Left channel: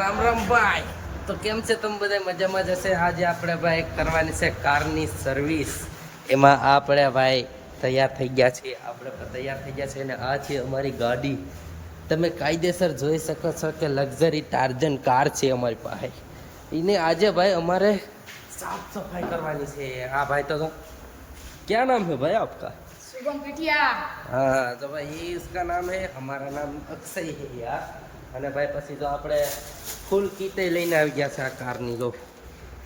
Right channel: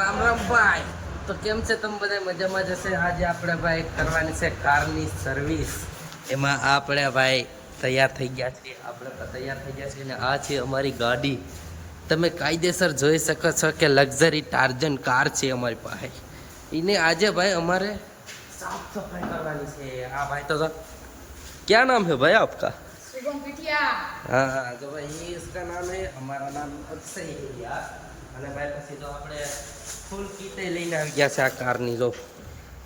રામ રામ ભાઈ, તો કેમ છે તમે બધા? મજામાં જશે. આજે આપણે ભાઈ કરવાની છે કારની સર્વિસ. એમાં આપણે ભાઈ તૈયાર થઈ ગયા છીએ. અને આ છે અમારી ગાડી. તમે કાયદેસર જોઈ શકો છો કે લક્ઝરી ટાર્જન કાર છે અમારી પાસે. એને આજે ભાઈ અમારે સાફ સફાઈ કરવાની છે. હા ભાઈ, તો क्या नाम है भाई आपका? शुभम पिटिया। हाँ, तो भाई ये इसका नाम है, हमारा नाम अक्षय है यार. અને ભાઈ પછી તો આપણે ફૂલ કીતે લઈને આવી ગયા છે આ કારની. જો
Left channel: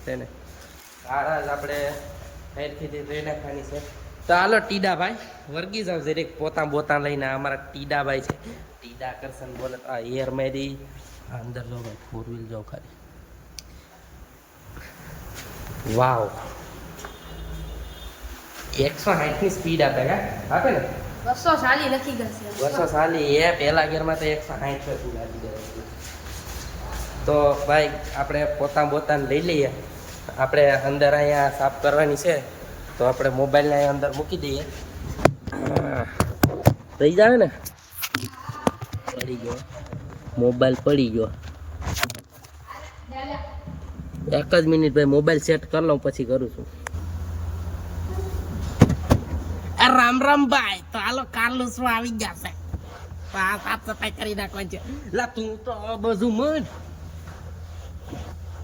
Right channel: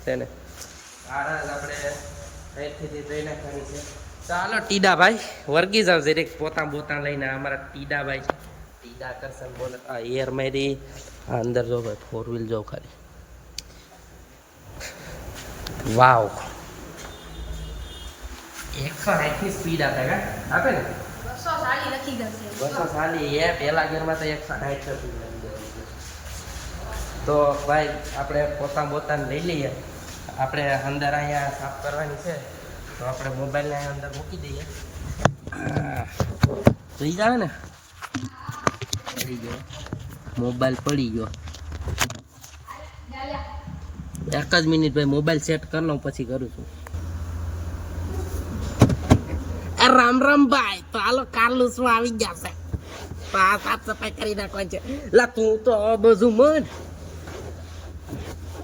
છે ને સારા જ આપણે હેરથી ધોઈ નાખવાની છે. ચાલો ટીડા ભાઈ વર્ગી જાવ જરીક પોતા બોતા લઈને. અમારા ટીડા ભાઈ છે, ટીડા કરશન બોલે. આ એર મેરી અંદર જો ભાઈ, 4 વ્હીલ જો ખાલી. વાવ, 160 ની સ્પીડ આપે ને? 240 લખી ગઈ છે. 240 એ પહેલા ગેરમાં તો 160 पे પૂરા આવી જાય. તો ભાઈ આપણે પોતા બોતાને લઈ લઈએ. આપણે અંદર અહીંયા સાફ કરવાની છે, તો આપણે મોબાઈલને અહીંયા અંદર મૂકી દઈએ. થઈ જાય ને, પડી ગયો મોબાઈલ, પડી ગયો. એક જ મિનિટ ભાઈ, મોબાઈલ સેટ કરી લઉં પછી કરું છું. રામ રામ ભાઈ, તો હાલો કાર લૂસમાં આવી ગયા છે. તો આ સાફ સફાઈ કરી નાખવાની છે. લા તું તો આ બાજુ મત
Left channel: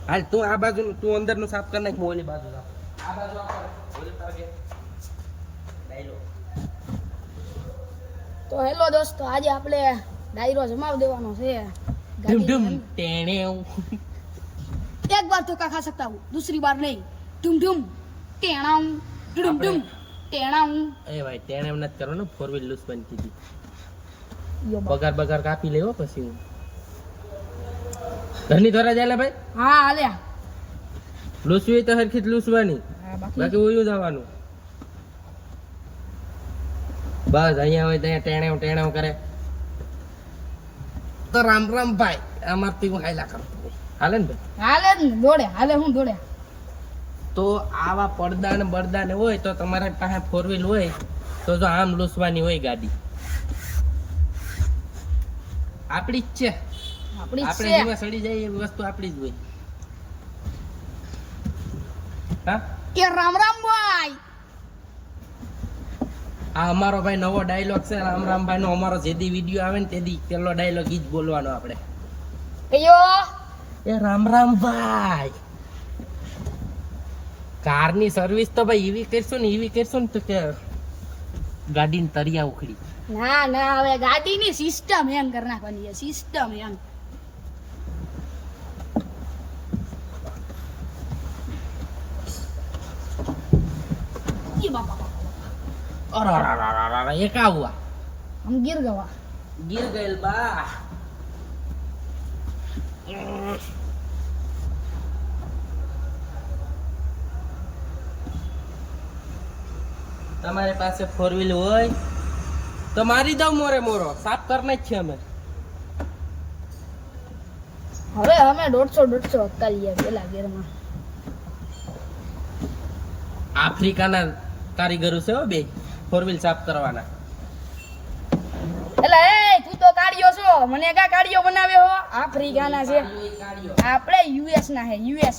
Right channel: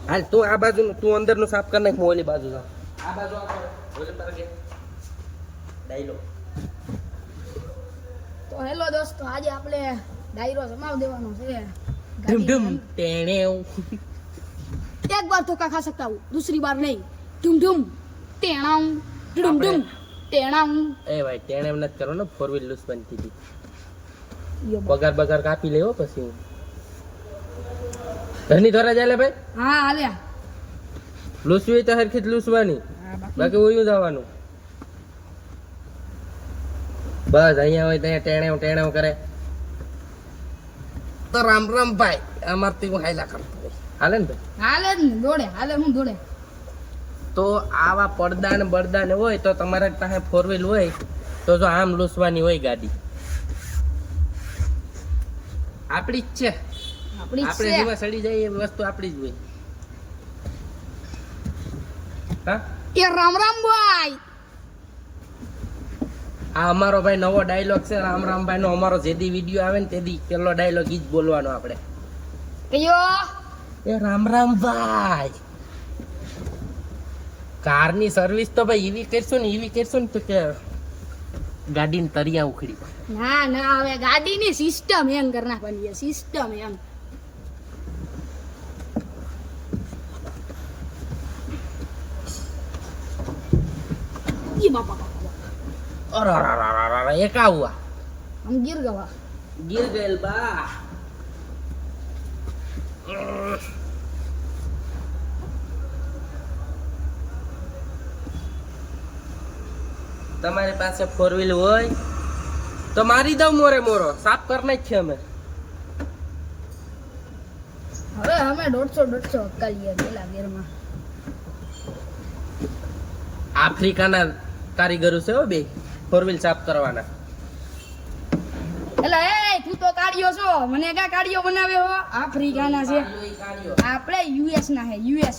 હાલ, તું આ બાજુ, તું અંદર નું સાફ કરી નાખ. ઓલી બાજુ આ બાજુ ઓલી બાજુ ડાયલો. તો હેલો દોસ્તો, આજે આપણે ડાયરો જમાવ દેવાનો છે. ઢમ ઢમ ટેણેવ. एक बार धोखा खा सकता हूँ, दूसरी बार नहीं. डुम डुम टेणाऊ, डुम डुम टेणाऊ. એ ભાઈ ટેણેવ નથી કરવાનો, 4 વ્હીલ લૂસ બની હતી. પગાર બગાર કાપી લેવો પછી હું ઘરની થોડા જાય ભાઈ. હા હાલે, લૂસવી તો હરખી જ લૂસવાની, બાકી ઓયું જવાનું. બસ અહીંયા હોય ત્યાં ટેણેવ ટેણેવ કરે. તો રામ રામ ભાઈ, અમારથી હું હાયલા કરતો હોય. હાલે ને ભાઈ? હાલે જ ને, દોડે હાલે, હું દોડે. તો આવા પડદા ને બળદા ને હોય તો તમારા પાસે 4 વ્હીલ હોય તો જો આમ લૂસવાની હોય ગાડી. આપણી જ છે, આપણે જેમાં સડી જાય એ વસ્તુ આપણી જ હોય. હા, એ રામ રામ ભાઈ. આ અમારો ભાઈ નવો ડાયલોગ છે. રામ રામ ભાઈ નો અમારો જેદી વિડીયો આવે ને તેદી પેલો ડાયલોગ ઈ જ બોલવાનો આપણે. કયો? એ રામ રામ ભાઈ, કારની સર્વિસ તો ભાઈ એવી કરશું ને તો કે ગાડીને તરિયા ઉખડી. ના ના, હવે ગાડીની સિસ્ટમ હેંગ કરી નાખવાની છે. સિસ્ટમ હેંગ. ઈ બાપા બાપા, અરે એક આવું હમ ગીર ગવા. ગીર ગયેલ બા. તમારી પાસે 4 વ્હીલ હોય તો મારી દઉં મોરે મોરો, સાફ કરી નાખીએ અમે. હવે અમે 150 કરીએ પેલા ગીરમાં. આફ્રિકાના કારીગરો છે હો બે, 4 વ્હીલ સાફ કરવાના. એલા એ તું તો કાઢ્યો છો, મને કા કાઢ્યો બનાવ્યો હો? આફ્રિકાના છે આપણે, યુએસ ના છે. યુએસ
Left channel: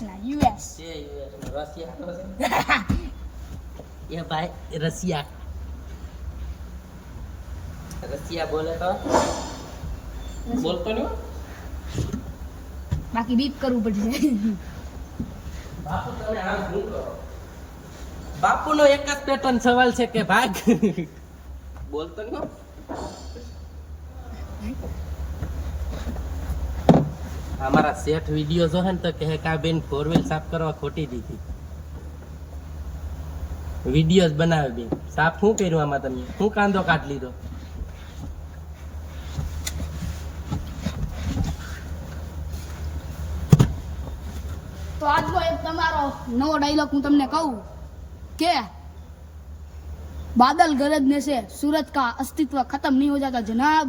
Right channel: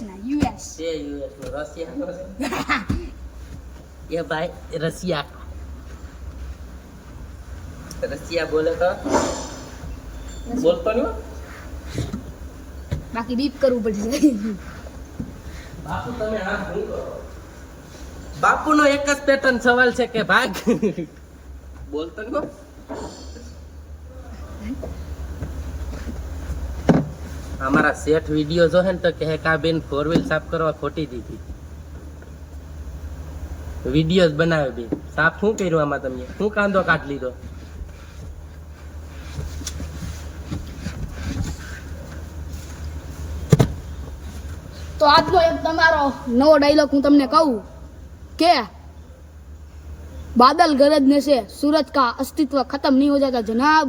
છે યુએસ નો, રશિયા નો છે. એ ભાઈ રશિયા બોલે તો બોલતો નહીં. બાકી બીપ કરવું પડશે. બાપુ તમે આમ શું કરો? બાપુનો એક જ પેટર્ન સવાલ છે કે ભાગ બોલતો નહીં. અમારા શેઠ વિડીયો જો હે ને તો કહે કે આ બેન 4 વ્હીલ સાફ કરવા ખોટી દીધી. વિડીયો બનાવે બે સાફ. શું કર્યું આમાં? તમે શું કાંદો કાઢ લીધો? તો આજનો એક તમારો નવો ડાયલોગ હું તમને કહું કે बादल गरजने से सूरज का अस्तित्व खत्म नहीं हो जाता जनाब.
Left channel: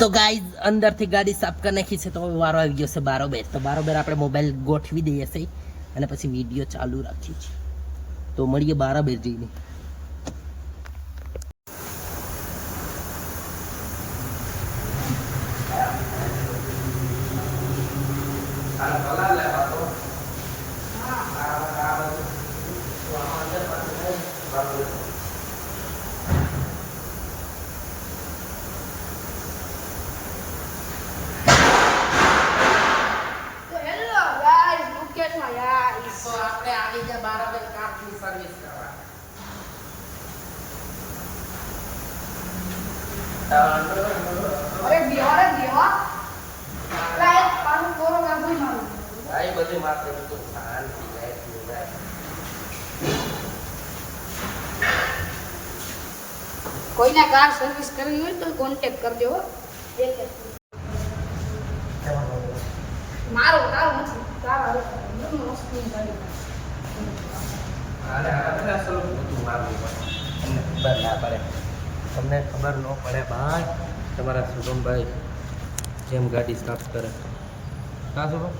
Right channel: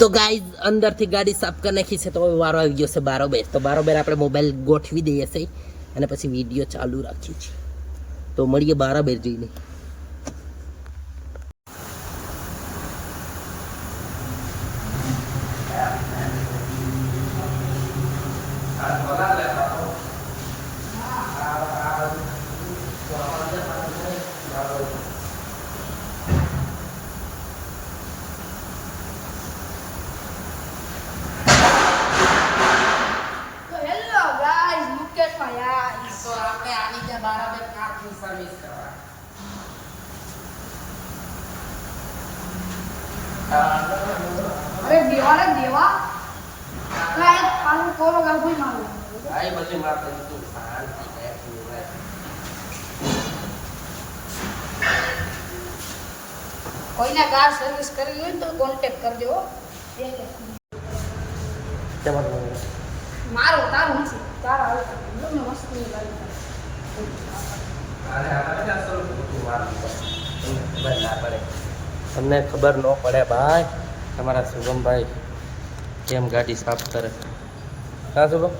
તો ગાઈઝ અંદરથી ગાડી સાફ કરી નાખી છે. તો વારો આવી ગયો છે બારોબર. તો બારોબર આપણે મોબાઈલ ગોઠવી દઈએ છે અને પછી વિડીયો ચાલુ રાખીએ છીએ. તો મળીએ બારોબર જઈને. અરે દેવા રે દેવા અરે આનું કોરો ગાભી મારું આ બધી માત્ર તું શાંતિ રહે પૂરા. કોઈને કાર સર્વિસ કરવી હોય તો કોન્ટેક્ટ કરજો હો. મારો તારો નથી તારો હું વસ્તુ ગાડી આને આને અસલ તું મારું તમને ખબર ના પડે. તમને ખબર ન પડે ભાઈ તમારા શુભમભાઈ કેમ ગાડી સાફ કરે. હા શુભમ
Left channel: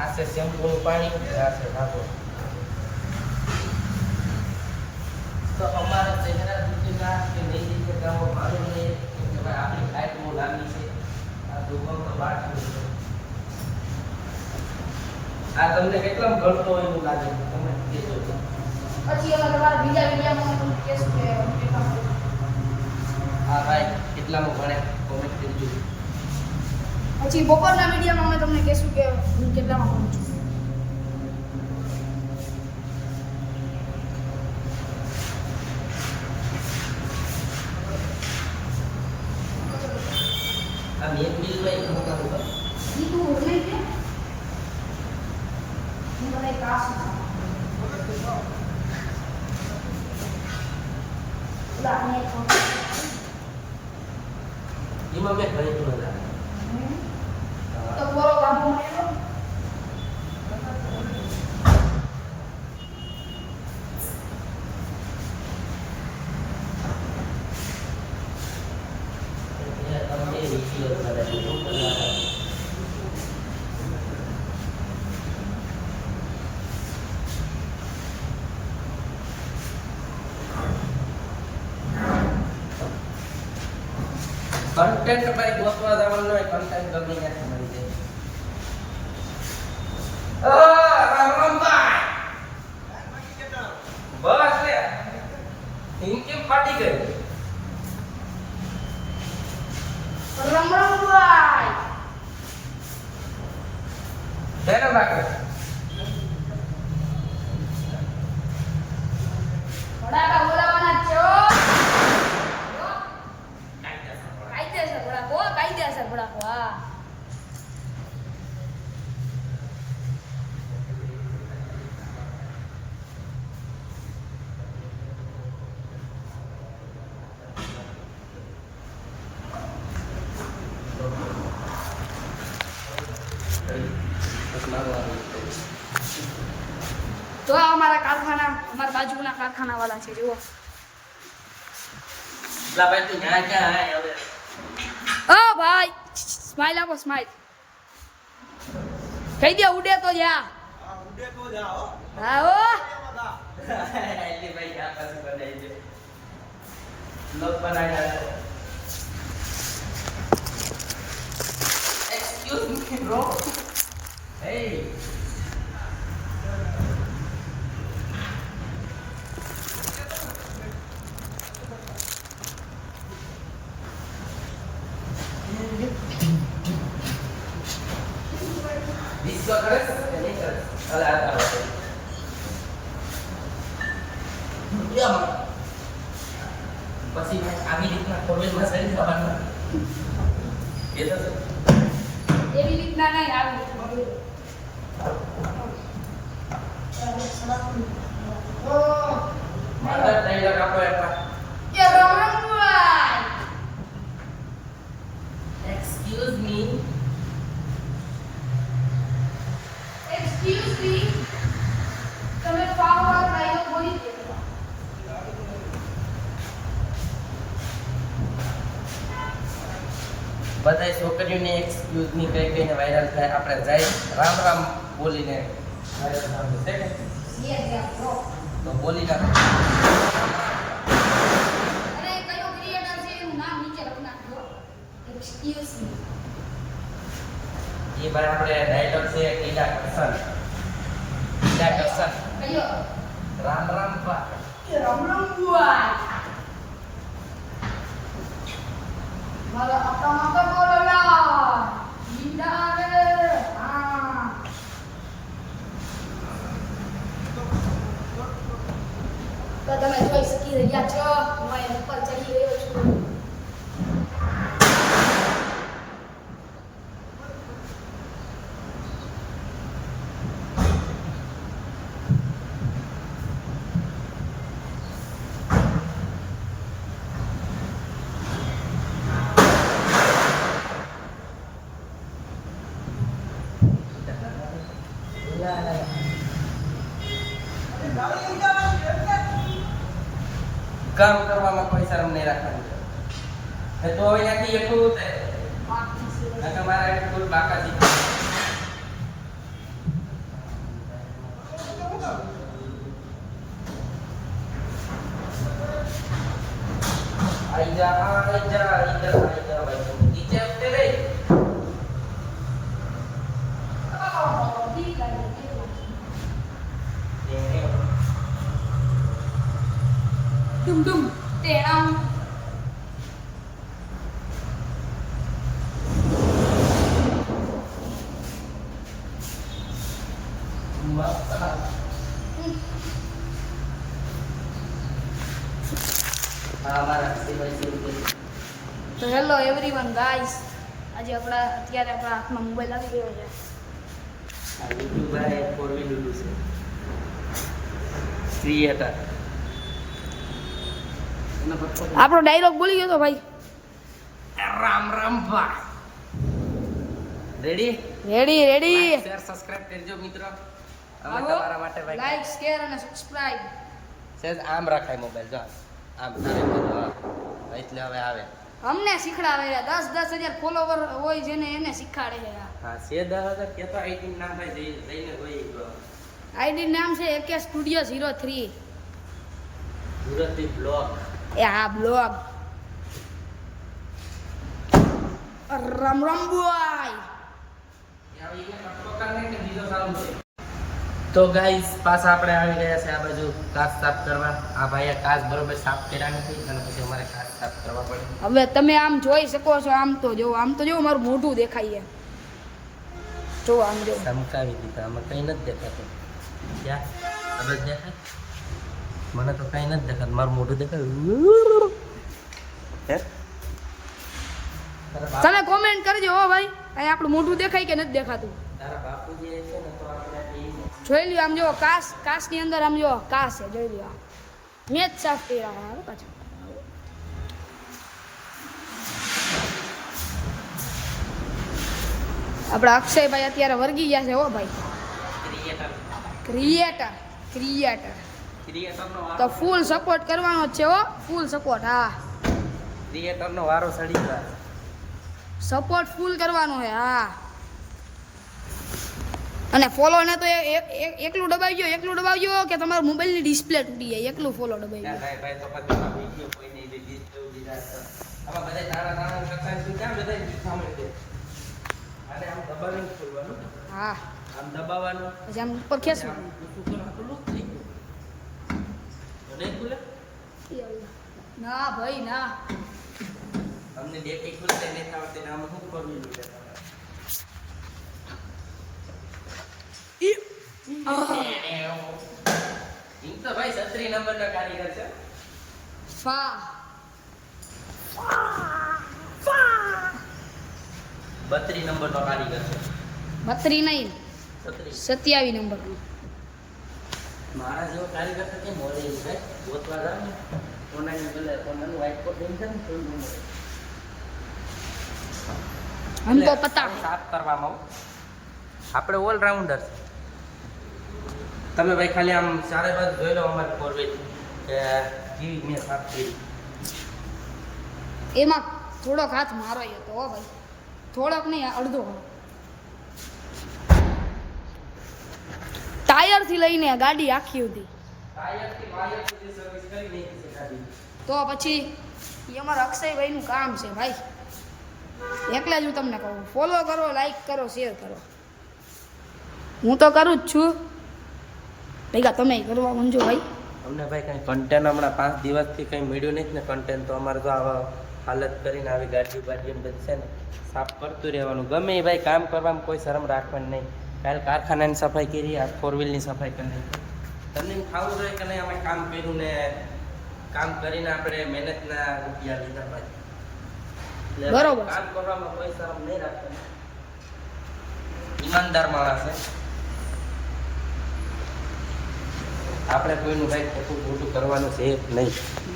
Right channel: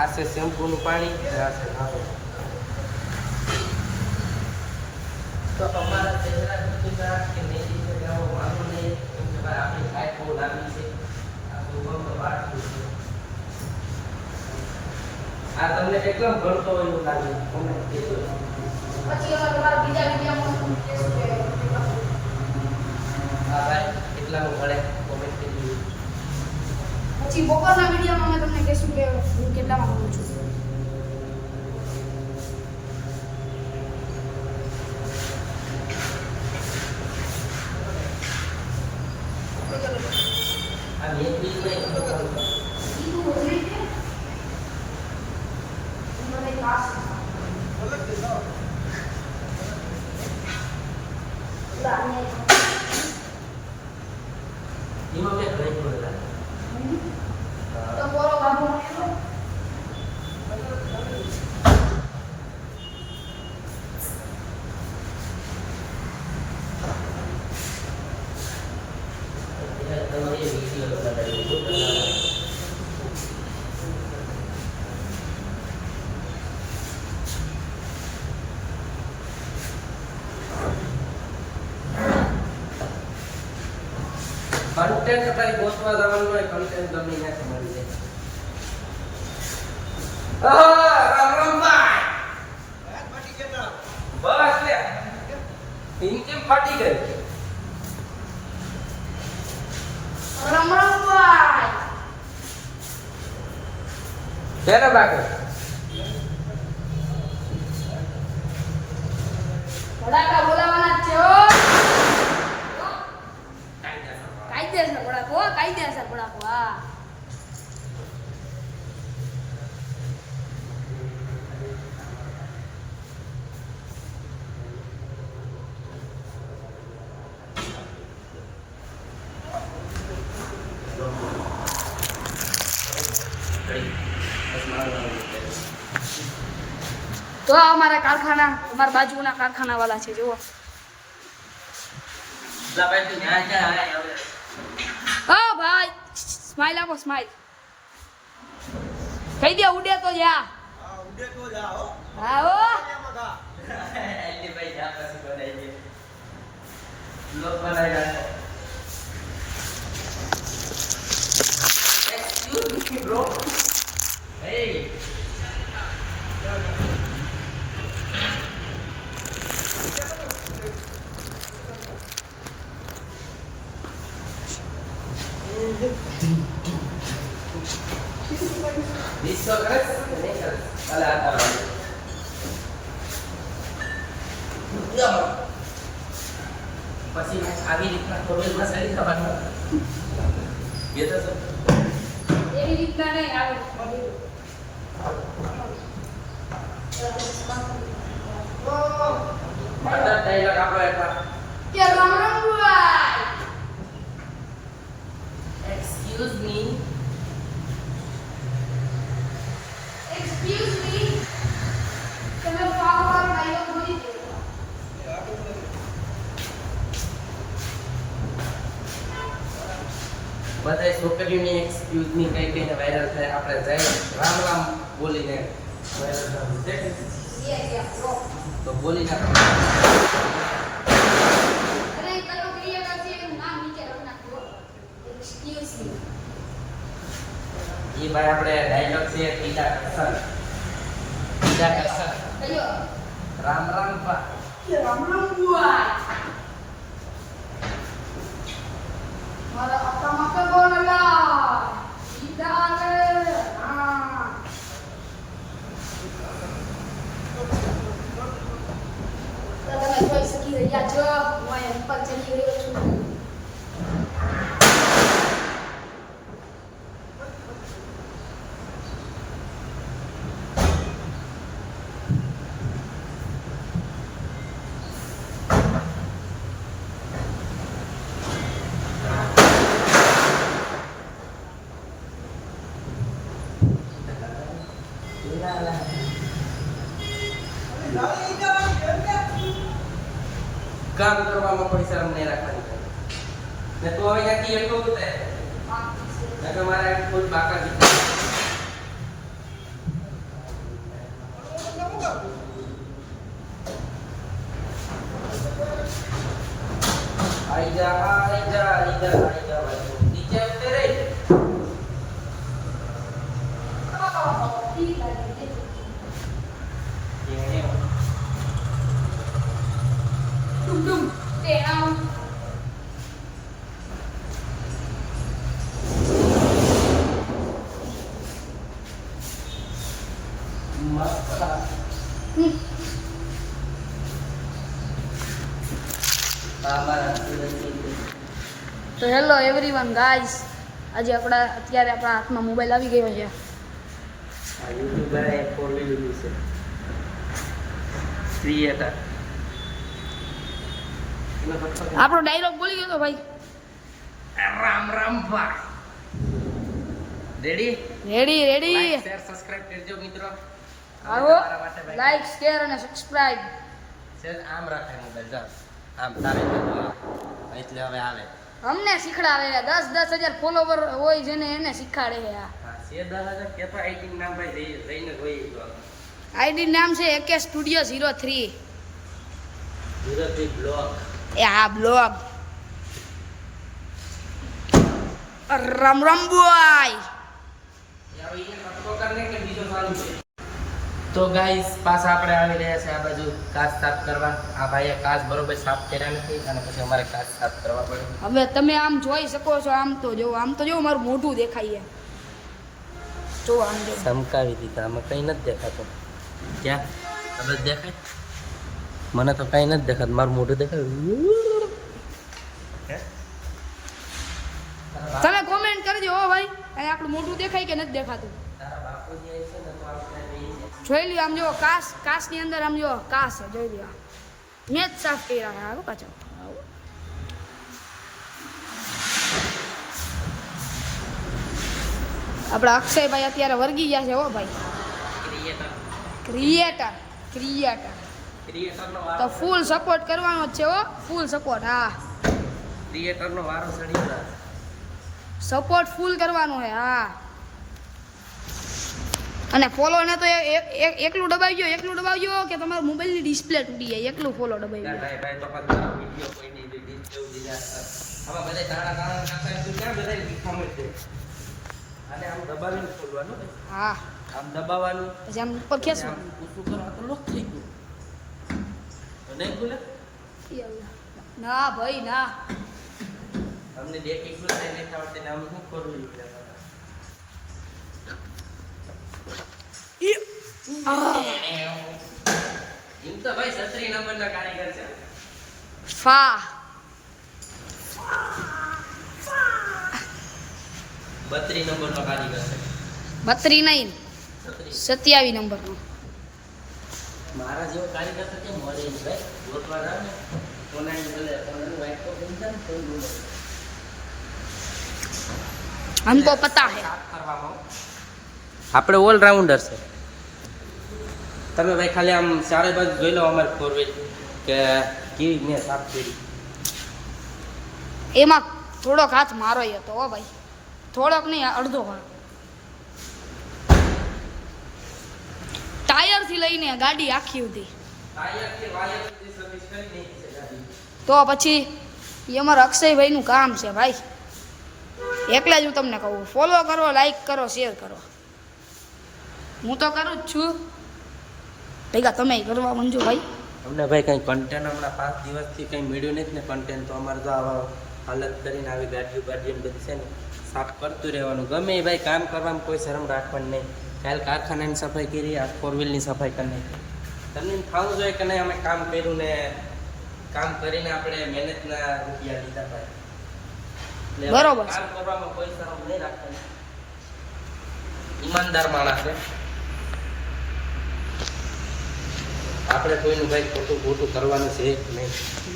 આ છે શેમ્પૂનું પાણી આ છે નાખો તો અમારા ચહેરા કે નહીં રીતે ગામો માલુમ નહીં એમ તમારે આપણી લાઈફ બહુ લાંબી છે. આ શુભમનો બાટલું છે. આ તમને કેટલામ ભણતો હોય એવું લાગે કોમેન્ટ દેજો. પછી અમે તમારા બીજા વિડીયોમાં કહેશું કે હા ભાઈ કેટલામાં ભણે કોમેન્ટ દેજો. પછી બપોરના વિડીયોમાં અમે તમને કહેશું કે હું કેટલામાં ભણું છું. આ મેં બીજમાં એક નહોતા બોલતો. બીજું હોય ને હું બધા ક્લાસ એમાં મેં ઘણી મજા તો બોલો ગાભી મળ્યો તમને એ વિડીયો લગાડી શું કરવાના. કન્ટેન્ટ ભાઈ ગોતવા જવાનું હોય કન્ટેન્ટ ગમે ત્યાંથી મળી જાય. રામ રામ ભાઈ બસ લે ઇનકી ફાટી ગઈ. રમણભાઈ જ્યારે રાખો બડાકા બોલાવાના છો કાયદેસર બડાકો હા તો અમારા કારખાના અમારા બાજુના કારખાના વાળા છે જુઓ. ભાઈ તું ન્યા ક્યાં આય હવે ઓ ભાઈ સ્માઈલ આપો સ્માઈલ કહી દે ઉડે તો જા હા ઓ એટલે ભાઈ જા પછી બનાવીએ બ્લોગ બનાવી એક્સક્યુઝ મી બ્રો હે Disco tres, ini kalau ada. Ya mak. Pasti kami di tengah perwil mas ini kapan mak? Gitu sih. એવી રીતના નહીં આવે Mantap Tiger apa ya mak? એ Ramanbhai Excuse me. Excuse me તમે phone પર dialog બોલી દે બધા છોકરીઓને એક્સક્યુઝ ની કઈ કઈને વાયરલ થાય આપણે જાય રામ રામ બોલીને વાયરલ થવાનું છે કે? યે બ્રો તો બોલી નાખો. અરે કયો ક્રિએટર છે એનું નામ નીચે લખી નાખો એક્સક્યુઝ મી એ ભાઈ આપણે ડાયલોગ છે ટીકા કરશન કયો રામ રામ પા એ રમણભાઈ મારા અતા માતા બોલલા ઈદારે હા કામ કરવામાં કોઈ શરમ નહીં રાખવાની ને તો હવે ત્યાંથી એટલું થાય તમારા કોઈ બાકા આઈ જા નીચે ઉતરે રે ડુમ ડુમ ટેણા તો હેલો એવરીવન ગાઈસ આજે અત્યારે આપણા હાથમાં મોબાઈલ આવી ગયો છે આ યુટ્યુબર એ ફોરવી લીધું છે ક્રિએટર આપણો ડાયલોગ બોલી ગયો તો ભાઈ રામ રામ ભા ready ready ready share subscribe કરજો મિત્રો આવો લાઈક શેર અને સબસ્ક્રાઇબ સેજ આમ રાખાય મોબાઈલ જો આમ તારે બાજુ હા એટલે હવે આવે અમને શીખડાવે છે 10,000 ફોલોવર હોય છે ને એને શીખવાડે છે હા સે 10,000 કેતો આઈડી નામ ભાઈ જઈને જોઈએ જો આઈડી નામ છે AK સ્ટુડિયો 03 સુરતી બ્લોગ એ હા બ્લોગ રામ રામ બોય તો ગાઈસ પાછા આપણે આવી રહ્યા છે આ બાજુ કાચ સાફ કરવા આ ભાઈએ કાચ બરોબર સાફ કર્યા નથી અને પછી અમારે કાચ સાફ કરવા પડ્યું હવે તમે આમ જોઈ શકો છો આમ તો જો મારું મોઢું દેખાય જો આમ જો ચમકાવી દીધા આમાં કંઈ નથી દેખાતું ક્યાં કદાચ દેખાય મને તો કંઈ નથી દેખાતું મારું મોઢું દેખાય તમે કોમેન્ટ કરજો હો ભાઈ કઈ આપણું મોઢું દેખાય કે નથી દેખાતું તારા બાપુજી આવી છે ને તો આપણે જોઈ લ્યો આમ જો કાચ ની અંદર આમ જો કાચ છે જોઈ લ્યો મેં જ સાફ કર્યા છે આવો પાછો આપણા અક્ષયભાઈ અત્યારે વર્ગી ગયા છે હો ભાઈ ક્રિએટર ક્રિએટરનો તો ફૂલ સપોર્ટ કરવાનો જ છે હો ફૂલ સપોર્ટ હા ક્રિએટરનો વારો સડી ગયો સપોર્ટ ફૂલ કરવાનો છે હા અને ફોલો ને તો એકલું દબાવજો કે તમારા મોબાઈલની ડિસ્પ્લે તૂટી જાય એકલું ફોલો દબાવજો ભાઈ તો પાછા વિડિયો કોઈ નહીં દીધી દીધા આમાં બધા તારા કરતા શું કામ બધા લીખા મળશે આને આમ દબાવીને ખોલવાનું હા આમ દબાવવાનું પછી આમ ઉપર ખેંચવાનું પૂછું કરવા તો લોક થઈ ગયું તો નહીં ખુલે ના ભાઈ ના અમને ડેટી ખુલશે નહીં આવડતી નામ શું કરવું જોઈએ એમ તો ભાઈ 36 નંબરના કારીગર છે ફા 32 નંબરનો કારીગર છે 32 નહીં 27 નંબરનો મારા જેવો કારીગર તો કેમ મળે નહીં ભાઈ ગોતવા જાવ ને ઓનાનું વાઇટ કોટ લઈને જાય ને તો ન મળે हमको पता है સાફ કરવામાં આપણે ઓલરાઉન્ડર છે તમે ભાઈ ખાલી આમ ચારે બાજુ જોઈ લો અમારી ફોરવેલ કે કેવી મેં સાફ કરી એમાં થોડોક હાથ મારો હતો હો ભાઈ થોડોક નહીં અડધો હાથ ટાયર થી લઈને ગાડી આખી હતી ટાયરથી વાયર સુધી સર્વિસ કરી નાખી છે ગાડી તો પછી એ અમારા અક્ષયભાઈ નું કામ છે ભાઈ એકલા જ હું તમને કહું ફોલો કરો લાઈક કરો શેર કરો હું તો કરું જ છું ભેગા તમે કરવા મંજો ભાઈ અમને ભાઈ કંઈ કન્ટેન્ટ હમણાં 5 દિવસથી કંઈ મળ્યું નથી ને કન્ટેન્ટ તો અમારે તો આવા હાલત કરીને આવી ગાડીઓ બધી છે ને સાફ કરતું રહેવાનું ગમે એ ભાઈ કામ કરવામાં કોઈ શરમ રાખવાની નહીં કાલ કારખાનાની સફાઈ કરી આ 4 વ્હીલની સફાઈ કરી નાખી તમને ખાવું જોઈએ કે નહીં અમે કામ કર્યું ને કામ કરીને આપણે મહેનતના રૂપિયા લીધા ભાઈ એટલે બરોબર છે. કામ કરવામાં કોઈ શરમ નહીં રાખવાની ઈમાનદાર માણસ છે આપણે કોઈનું ભાઈ ખોટું કરવાનું છે નહીં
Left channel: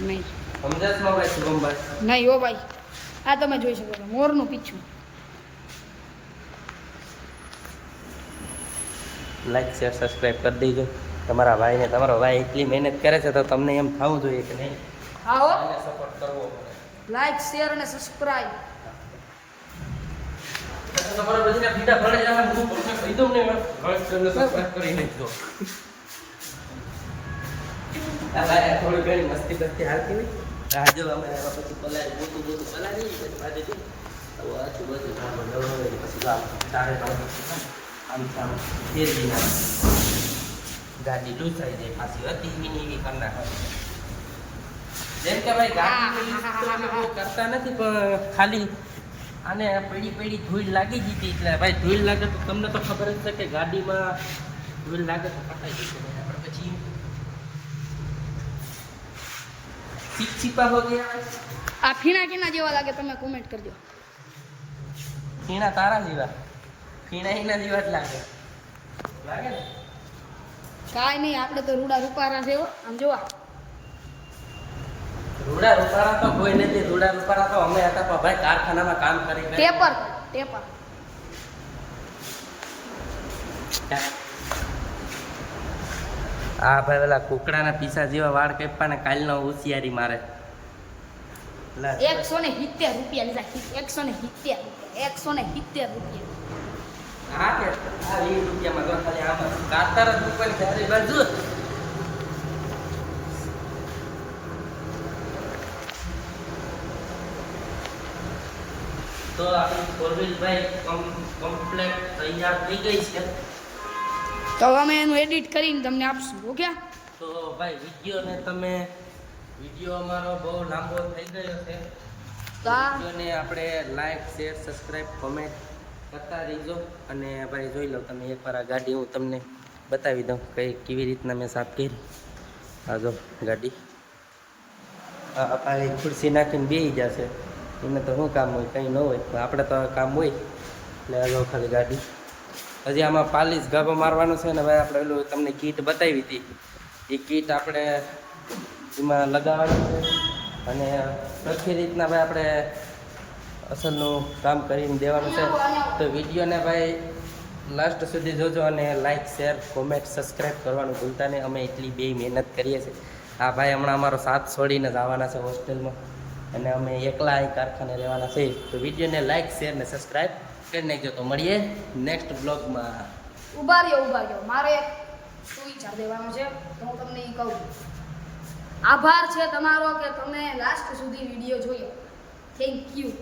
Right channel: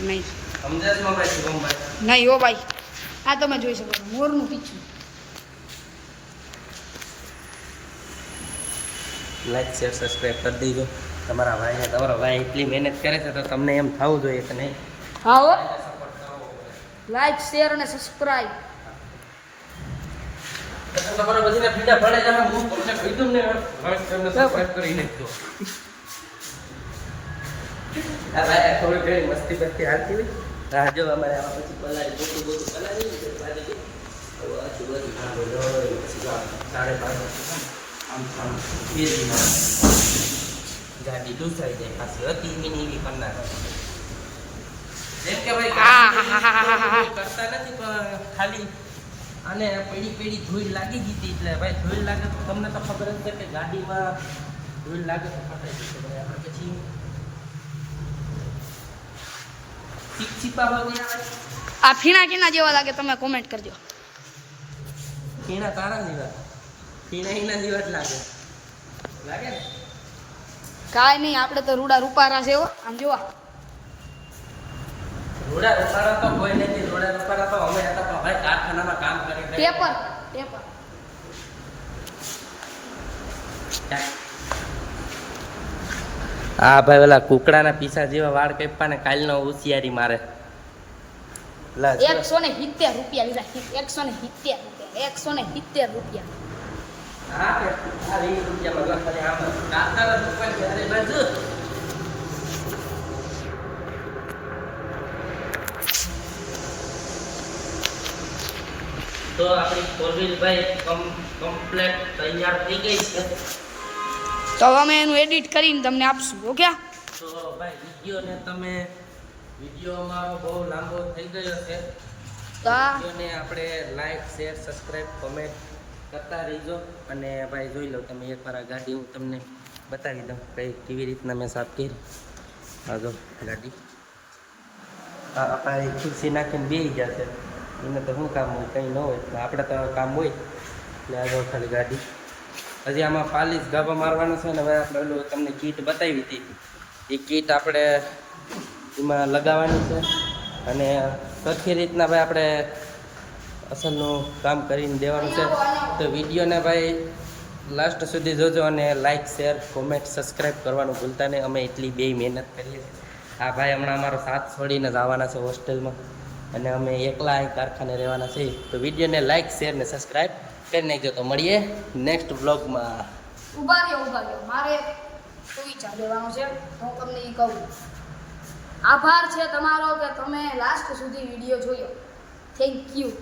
નહીં સમજાશમાં ભાઈ શુભમભાઈ નહીં હો ભાઈ આ તમે જોઈ શકો છો મોરનું પીછું લાઈક શેર સબસ્ક્રાઈબ કરી દેજો તમારા ભાઈને તમારો ભાઈ એટલી મહેનત કરે છે તો તમને એમ થવું જોઈએ કે નહીં હા હો, સપોર્ટ કરવો પડે. લાઈક શેર અને સબસ્ક્રાઇબ. તમારે બધાને પીડા પડે છે, હું તમને કહી દઉં ને, લાઈક અને સબસ્ક્રાઇબ કરી નાખજો. આ ભાઈ આ થોડી ઘણી મસ્તી બસ્તી હાલતી હોય. આ જો અમારે આમાં પછી પલાળી મોટું પલાળી ને પછી બાજુ જો આવું આછું બધું નાખો લઈ પછી આમ ચારે પાંચ આમ ફેરવી નાખો. ગાડી લૂસાઈ જાય પાછી હતી મિની એવી કરી નાખો. જેમ કે ભાઈ ગાડી કરતા નથી પણ ખાલી આને પડી ધૂળ લાગી ગઈ હતી એટલે ભાઈ ધૂળ લાગે તો તમને તો ખબર જ છે કે ગાડીમાં ધૂળ લાગે તો ફટાઈ જશે ભાઈ. આપણે પછી છીપા હોતી આ ફીણા કેના જેવા લાગે તમે કોમેન્ટ કરજો. ફીણા તારા જેવા, ફીણા એના જેવા જ લાગે લાગે ને. કાંઈ નહીં, આપણે તો રૂડા રૂપારા છે હો. આમ જોવા રૂડા રૂપારા તો કોઈ નથી. રૂડા રૂપારા તો અમે હતા પણ ભાઈ કારખાનામાં કામ કરી ટેપર ટેપર. આ ભાઈ ઓલા કુકડાના પીસા જેવા વાળ કાપ્યા ને કાલનો હોશિયારી મારે. 170 રૂપિયા લીધા. 170 રૂપિયા. 170 રૂપિયા. હા કે આ 20 રૂપિયામાં લો ખાલી આમ કાતર જ મૂકવાની ચારે બાજુ. તો આપણી કોલવીલ ભાઈ કમ્પ્લીટ તૈયાર થઈ ગઈ છે. તો અમે એનું એડિટ કરીને તમને આપશું. ઓકે, તો ભાઈ વિડીયો અમારો બહુ લાંબો થઈ ગયો છે. તો આ વિડીયોને આપણે લાઈક શેર સબસ્ક્રાઈબ કોમેન્ટ કરતા રહીજો. અને ભાઈ જોઈ લો તમે એકવાર આ ગાડી હું તમને બતાવી દઉં કેવી રીતના મેં સાફ કરી. આગો ગાડી આ ભાઈ ખુરશી નાખીને બેસી જશે. એને તો શું કામ હોય, કંઈ ન હોય. આપણે તો કામ હોય એટલે આગળ ખાલી ગાડી. હજી આમાં પાલીસ ગાભા મારવાનું છે ને ભાઈ. આપણે ઓલું તમને કીટ બતાવી હતી એ કીટ આપણે એમાં લગાવવાની છે. અને સરખી રીતના ભાઈ આપણે અસલનું કામ કરીને દેવાનું છે. તો વિડીયોને ભાઈ લાસ્ટ સુધી જોજો અને લાઈક શેર કોમેન્ટ સબસ્ક્રાઈબ કરવાનું ભૂલતા નહીં. અમે એટલી બે મહેનત કરીએ છીએ. આ ભાઈ હમણાં અમારો સાથ છોડીને જ આવવાના છે હોસ્ટેલમાં અને અમે એકલા અહીં કારખાને રહેવાના છે. તો વિડીયોને લાઈક શેર ને સબસ્ક્રાઈબ કરી નાખજો. તો મળીએ નેક્સ્ટ બ્લોગમાં. ઉભા રહ્યો. મારે શું વિચાર દેવાનો છે તો હું તમને એ કહું. આભાર છે તમારો કે તમે લાસ્ટ સુધી વિડીયો જોયો. Thank you.